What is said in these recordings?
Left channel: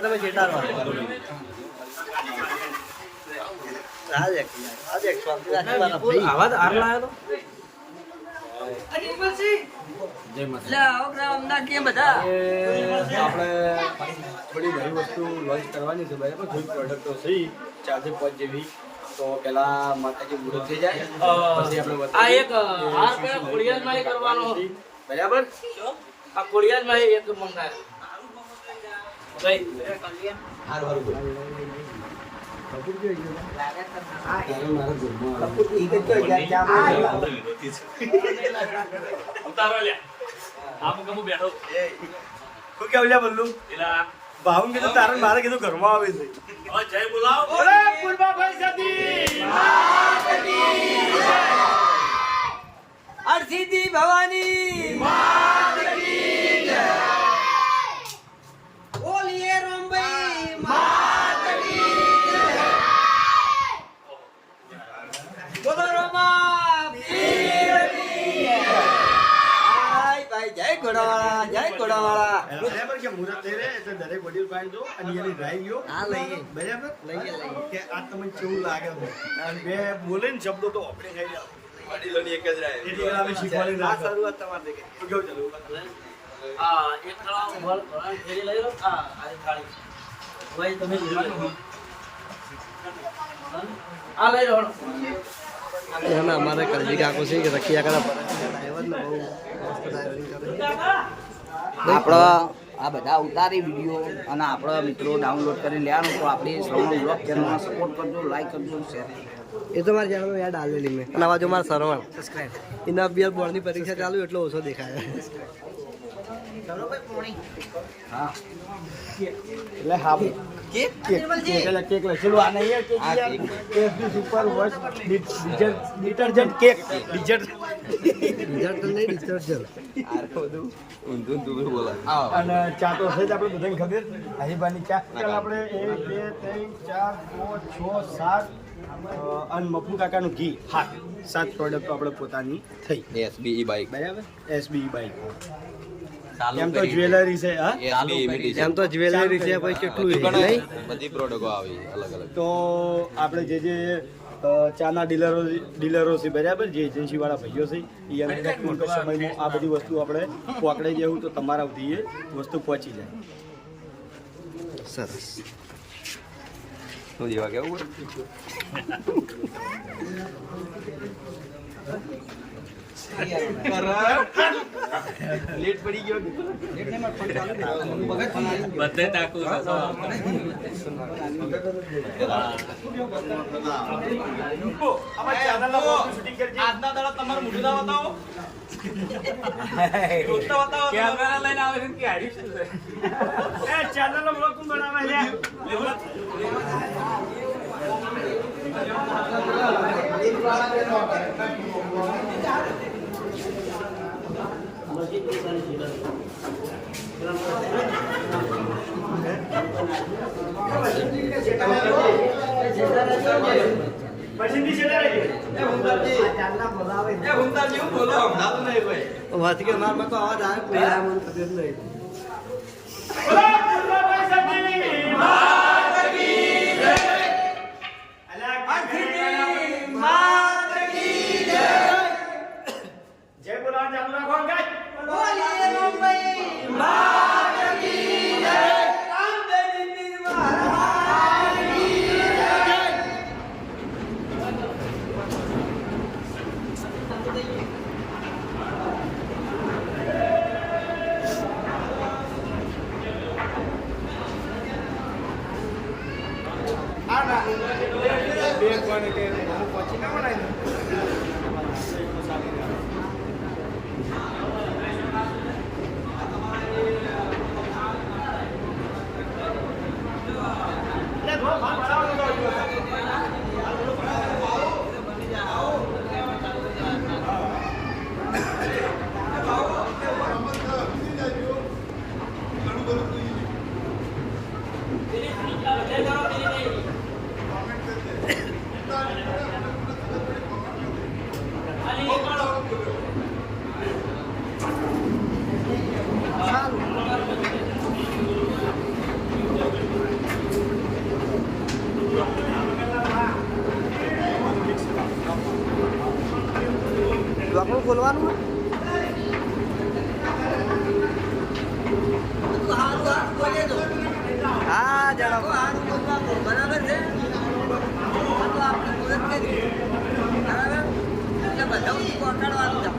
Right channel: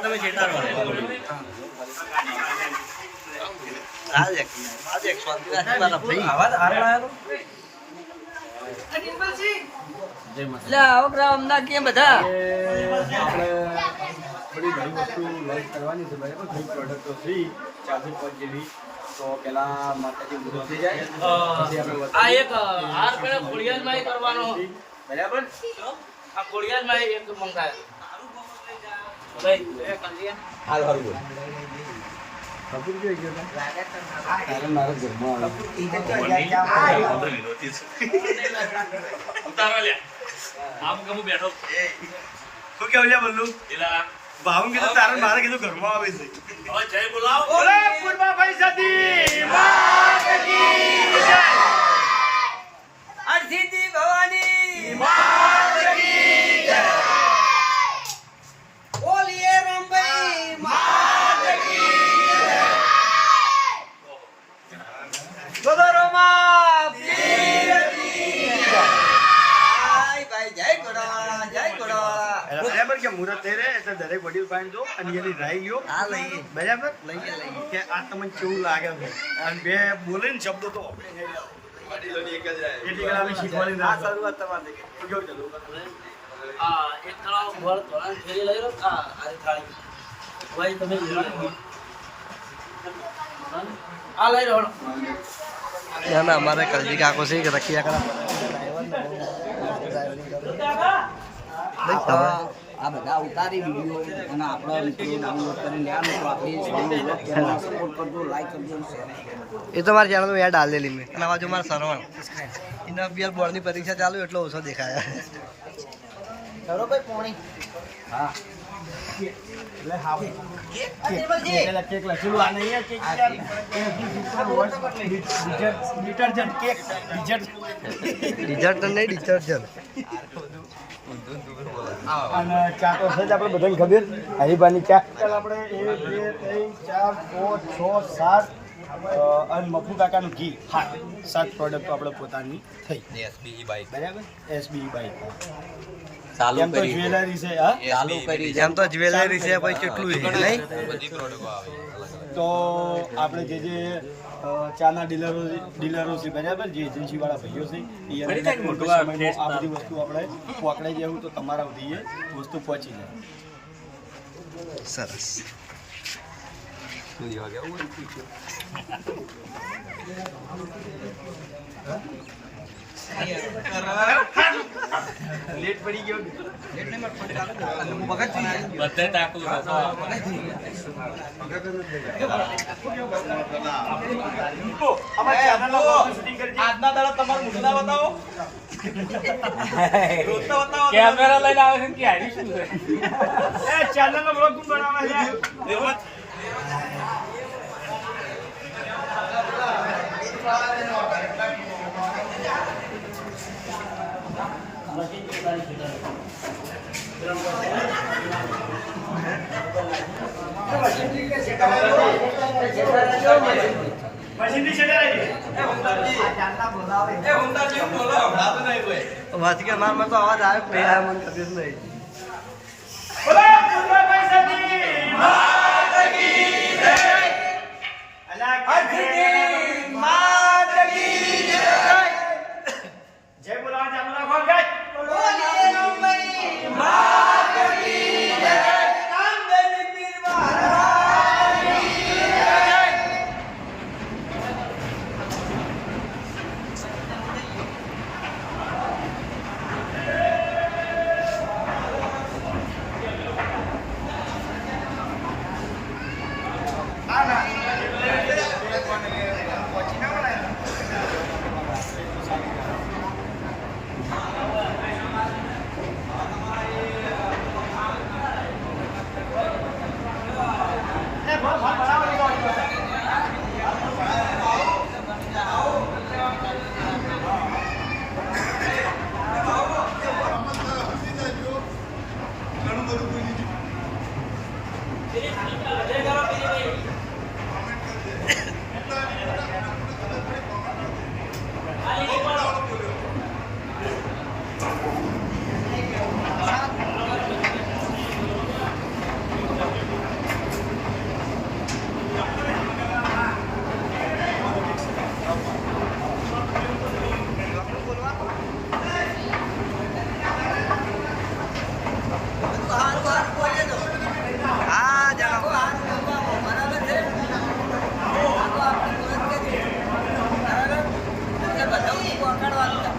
તમે ચેતાડવા आज एक स्वाद मारा भाई आवाज आ रहा है जय माता लाओ ब्राह्मण के बता આપણે બધી નવી વસ્તુ લોન્ચ કરવાની છે બરાબર કોઈ પ્રોડક્ટ તો છે 4 થી 5 જેવી તો પેલા માતાજી મુહૂર્ત થઈ જાય પછી આપણે આ એક હાર પેલા ખોડિયાલ માં કરવાનો બરાબર આ ખોડિયાલ માં એક મંગાયો ભાઈ હાલ હાલ કપૂર જો તારે મારો જન્મ કપૂર ઈ કે ઉતારો લે આમ કમુ બેઠો એ શું કે ઓલ્યા બલ્લુ એલા ભાવું કે તારે મારે કીધું ઘરમાં આવે છે હવે જય બોલાવો ઓરે પૂર્વાભાઈ સતી માતની જય અર્ધિદી ભવાની માતની જય ઓલીએ રોમભાઈ માતની ગોદરોમાં પીરની આય કઈ જય ગોડાવાળા બરાબર કે મુરત થઈ રે એટલે દરેક વડીલ ભાઈ જો અને એની રાઈ ગયો આ લઈએ બરાબર લઈએ કે આ તમને કેવું લાગે છે અને બે બોલે ને શબ્દો તો ઓકે થઈ જાવ વડીલોની એક જ રાય એટલે અમે શીખવાની રાહ શરૂઆત તમારે કે કેવું ચાલુ આ એક તળાવ વળ ફેરી લઈ લો આ થાળી ભાઈ તમે લઈ લો આ લઈ લો ના ના અમારે કલજી કાકો છે કે રખિયા કરા ડ્રાઈવર ને બહુ મસ્ત ડ્રાઈવરિંગ કરે આ બધા ઉતારી વિડીયો અને આપણા મિત્રો ડાઉનલોડ કરી લેવાનું તો આપણી શ્રવણ બ્લોગ ચેનલને સપોર્ટ કરજો, લાઈક કરજો અને શેર કરજો. એ તો મારી ચેનલ યાદ ડાલેલી મેં અને આવા જો મારા સરવણ એના અભ્યાસ બોર્ડની પરીક્ષા ચાલુ એટલો ઓછો દેખાયા હા એટલે હા કેક લખેલું આ નહીં કેક યાર FD super watch detergent cake detergent નહીં ડિટર્જન્ટ અને ચા તો છે જ આપણે બધાને ખબર હરીબાની ચા આપણે 1 2 3 4 5 6 7 અને મફુ કાકાનું ઘી હા 7 પ્રોડક્ટ આપણે પોતાની થઈ એસબીઈ બાઈક બરાબર એસબીઈ બાઈક એમ તો જ્વેલરી છે હા એમ તો જ્વેલરી છે પછી કેટલું છે નહીં બધી પ્રોડક્ટો આવે તો આપણે જે ચાના ડીલરો છે બરાબર જે એજન્સીવાળા ભાઈઓ છે એ અંદર ટૂંક સમયમાં આ બધી વસ્તુ આપણે પકડાઈ જવું તો તમારા સુધી એ વસ્તુ પહોંચી જાય સરસ શું જેવા કેવું લેટ પડી ગયો બધે તાકું આજના દાડા તમારું મોઢું ના બતાવો કેમેરા લઈને આવે છે કે હારી શું છે એ ચેનલ નો બ્લોગ કોણ બનાવે છે માર તો અવાજ આવે નહીં આવે મને ખબર નહીં જય બોલા ચાલુ પકડવાનું છે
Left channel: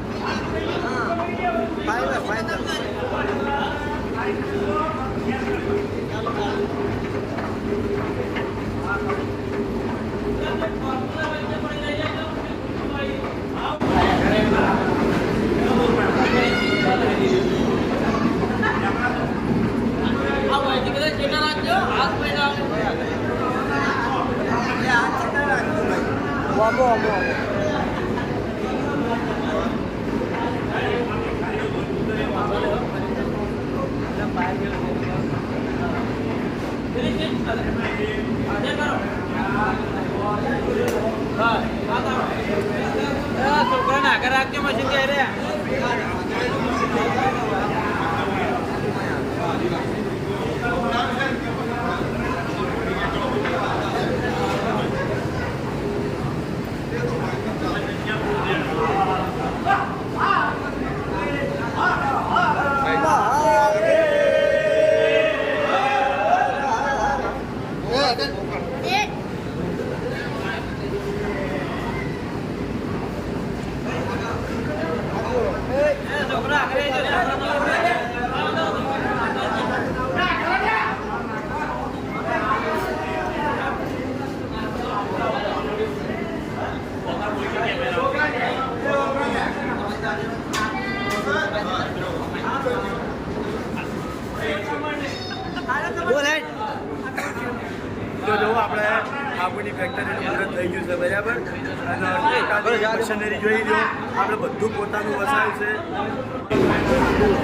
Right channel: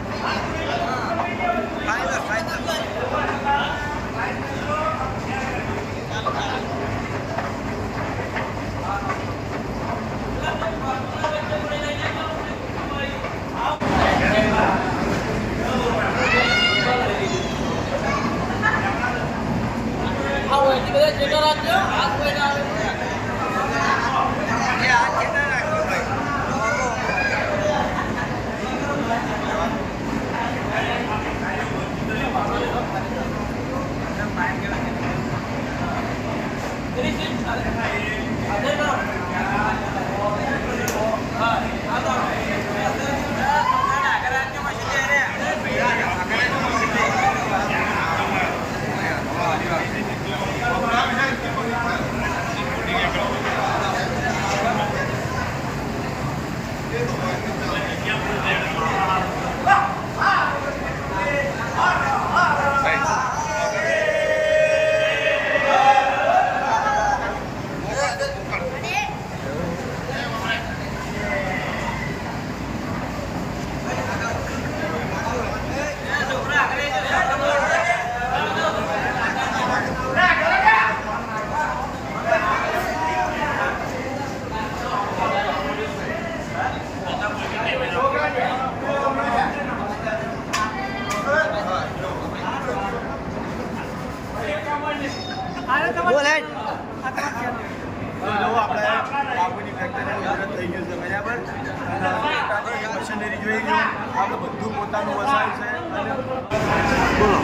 ફાઈનલ ફાઈનલ તો જો આપણે કાપડની ફેક્ટરીનું મુહૂર્ત થઈ ગયું છે બરાબર અને પોતાની મશીનરી જોઈ લો આપણે બધું પોતાનું વસાવ્યું છે અને બોલો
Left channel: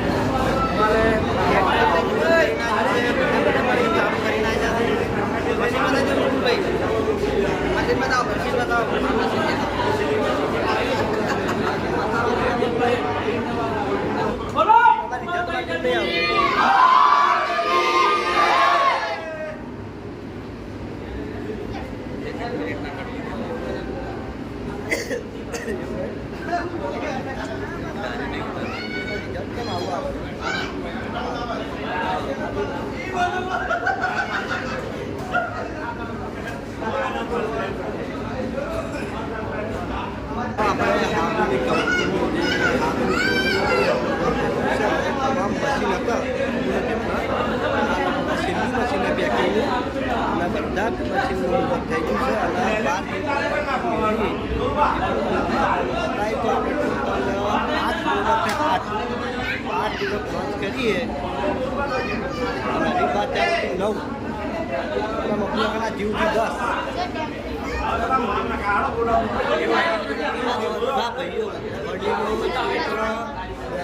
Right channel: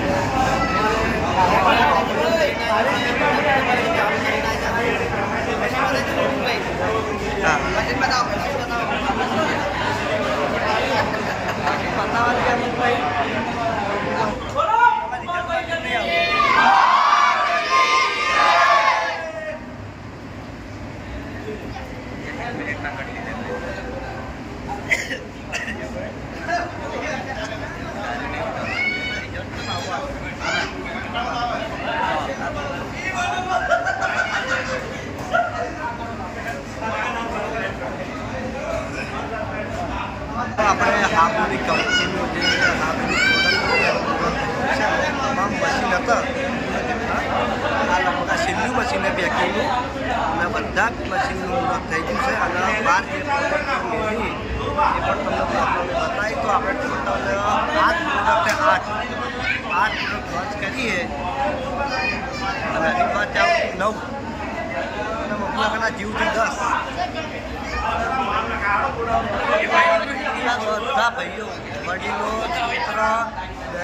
આપણે હાબુની કંપનીનું જે હાબુની પ્રોડક્ટ છે તમામ મશીન હતા કેટલા આ લગભગ છેલ્લું મશીન પેકિંગનું અને બધા જ મશીનનું મુહૂર્ત થઈ ગયું છે અને બહાર જે પ્રોડક્ટ મેળવી એ પણ તમને આપણને બતાવી તો આપણે ટોટલ 8 પ્રોડક્ટ 8 પ્રોડક્ટ લોન્ચ કરીએ અને હજી બાદ આવતી 9 અને મફલાકના જીવથી 10 બધા ભાઈઓ વડીલો મિત્ર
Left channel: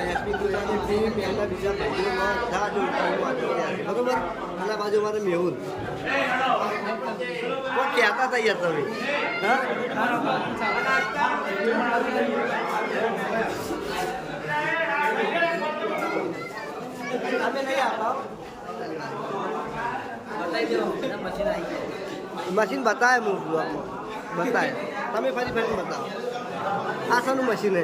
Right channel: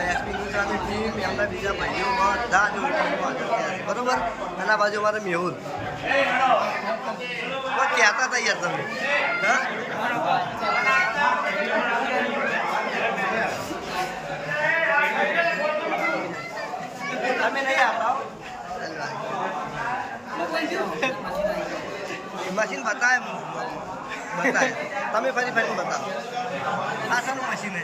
એસપી ગુજરાતની ટીમ એમના બીજા ભાઈઓ બધા જ ઉપરમાં હાજર થયા છે બરોબર આના બાજુ મારે મેહુલ પણ કહેતા હતા યાર તમે હા તમે નહીં આવતા મશીન બતાવે હું બતાવે તમે ફરી ફરીને બતાવો આ શાનું મશીન હે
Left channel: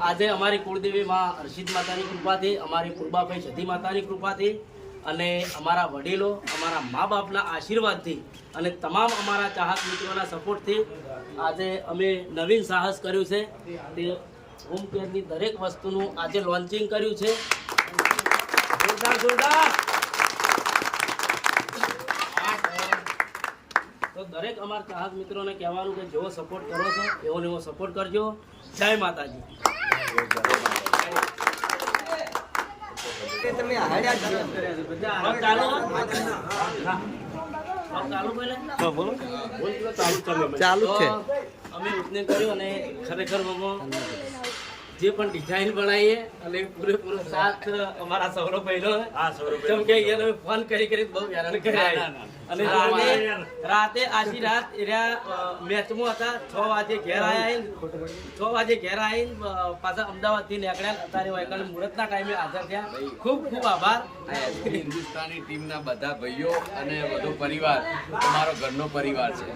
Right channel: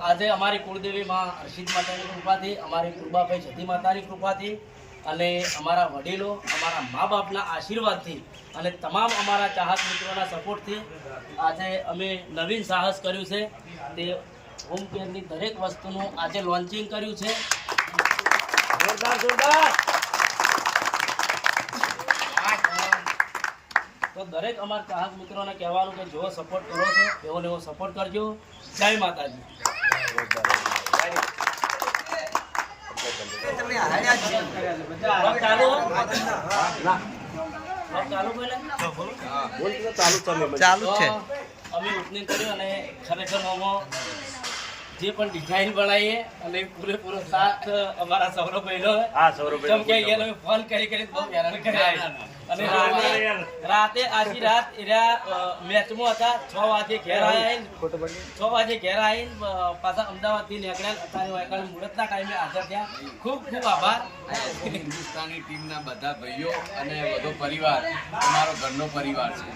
આજે અમારી કુળદેવી માં હર્ષિત માતાની કૃપાથી અમારી કુરબાભાઈ સતી માતાની કૃપાથી અને અમારા વડીલો અમારા મા બાપના આશીર્વાદથી અને તમામ અમારા ચાહક મિત્રોના સપોર્ટથી આજે અમે નવીન સાહસ કર્યું છે તે હોમ કેરની દરેક વસ્તુનું આજે લોન્ચિંગ કર્યું છે તો દરેક અમારા ચાહક મિત્રોને કહેવાનું કે જેવો સપોર્ટ કરો છો એવો ને એવો સપોર્ટ કરજો જય માતાજી ચાલુ છે અમે ઓપનિંગ કર્યું અને ખરેખર જે પણ ડિઝાઇન બનાવીએ અને પૂરેપૂરો સાથ અમારા સૌરભભાઈનો કેમ કે એને ફોન કરી બહુ હેરાન કર્યા અને રાતે આખી રાત મેચમાં હતા 6 વાગે ઘેર આવીને પાછા અમદાવાદથી નીકળ્યા અત્યારે મુહૂર્તના ટાઈમે હાજર થયા ખૂબ ખૂબ આભાર હિન્દુસ્તાની ટીમના બધા ભાઈઓ અને બધો પરિવાર અમારો ઘરનો પરિવાર છે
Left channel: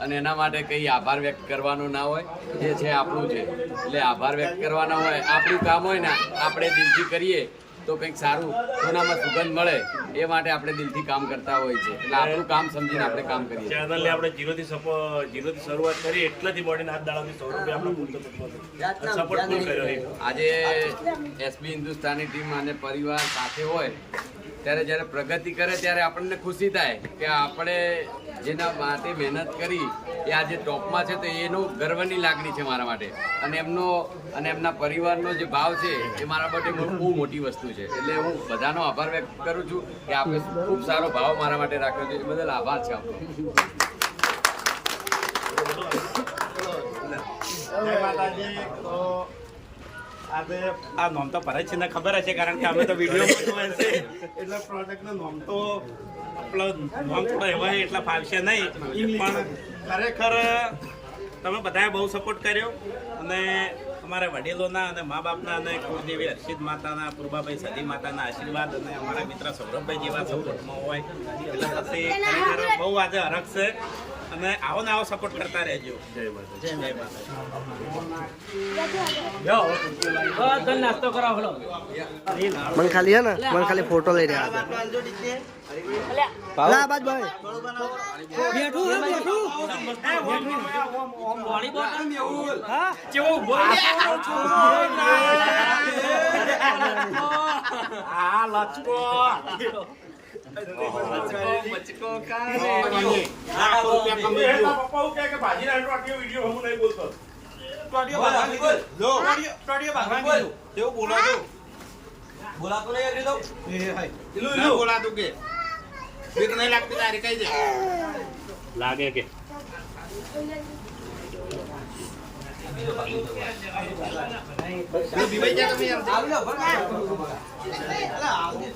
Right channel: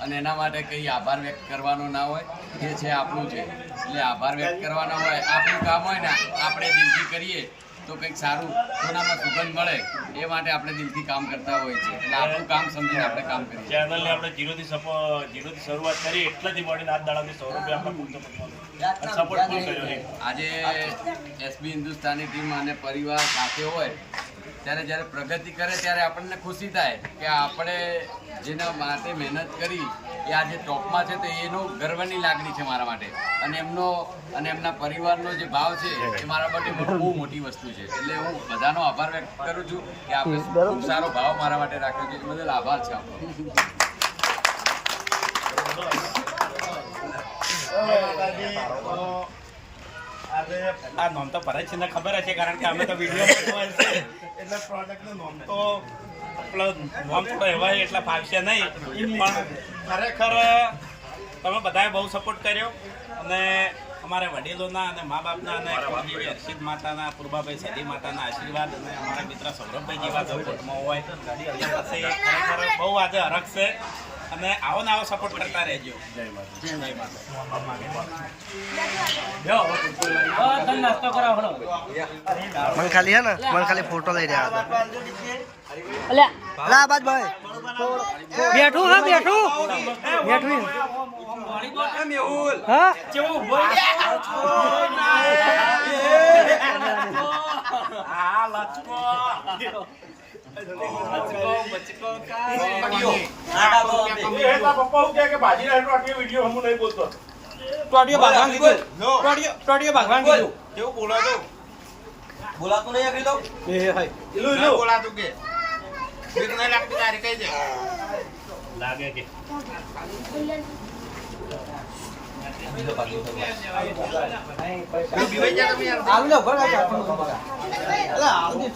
અને એના માટે કંઈ આભાર વ્યક્ત કરવાનો ના હોય જે છે આપણું છે એટલે આભાર વ્યક્ત કરવાના હોય આપણું કામ હોય ને આપણે દિલથી કરીએ તો કંઈક સારું સોનામાં સુગંધ મળે એ માટે આપણે દિલથી કામ કરતા હોય છે. એટલે આપણું કામ સમજીને આપણે કામ કરીએ. ચેનલને આપણે જીરોથી શરૂઆત કરી એટલાથી મળીને આજ દાડાથી 100 રૂપિયા આપણે પૂરતો સપોર્ટ ફૂલ કર્યો છે. આજે એસબી હિન્દુસ્તાની ટીમ અને પરિવાર સાથે હોય ત્યારે જ્યારે પ્રગતિ કરે ત્યારે આપણને ખુશી થાય કે આપણે જેના માટે મહેનત કરી એ આજે ટોપમાં છે તો એનું ગર્વની લાગણી છે મારા માટે. અને એમના પરિવારનો જે ભાવ છે એ મારા માટે બહુ મોટી વસ્તુ છે. એટલે હું બધાનો આભાર વ્યક્ત કરું છું કે આપણે ખૂબ સારો ભાવ મારા માટે રાખ્યો છે. એ બદલ આભાર છે આપણો. જય માતાજી. તો આજે આ નોમ તો ભરત છે ને ખબર હશે કારણ કે અમે તો વિડીયોમાં હોય છે એટલે પ્રોડક્ટનું નોમ તો આપણો નોમ થોડો એવા એટલા ફાવશે નહીં પણ ખરેખર તમે બધાએ બહુ સપોર્ટ કર્યો અને અમારા વડીલોના અને મા બાપના અને કુળદેવી હર્ષિત માતાના પૂર્વાભાઈ સદી માતાના આશીર્વાદ અને અમારા મિત્ર સૌરભભાઈ જેવા જો કુટુંબમાં હોય એટલે પછી ખરેખર બહુ આજે હરખ છે અને આવો ને આવો સપોર્ટ કરતા રહેજો. જય માતા. જય માતા. નાસ્તો કરાવો હલો. મને ખાલી હે ને મને ખાલી ફોટો લઈ રહ્યા હતા. અલા બાદ ભાઈ બેઠું હા બેઠું હા હા લચકો લાખો રૂપિયા કમાઈ ગયો. પપ્પા કે ભાજી રાઈટ વાક્ય વિડિયો હું નહીં બોલતો. ટોડિયો ભાગવાન કીધું ટોડિયો ભાગવાન કીધું કેવું બોલાતો બોલાતો નહીં આગળ તો એ હાય ના બોલાતું કે બીક નહીં લાગતી તારી કઈ દે લાગે કે બીવાઈ જા તમે આવજો ઘર અલા આવજો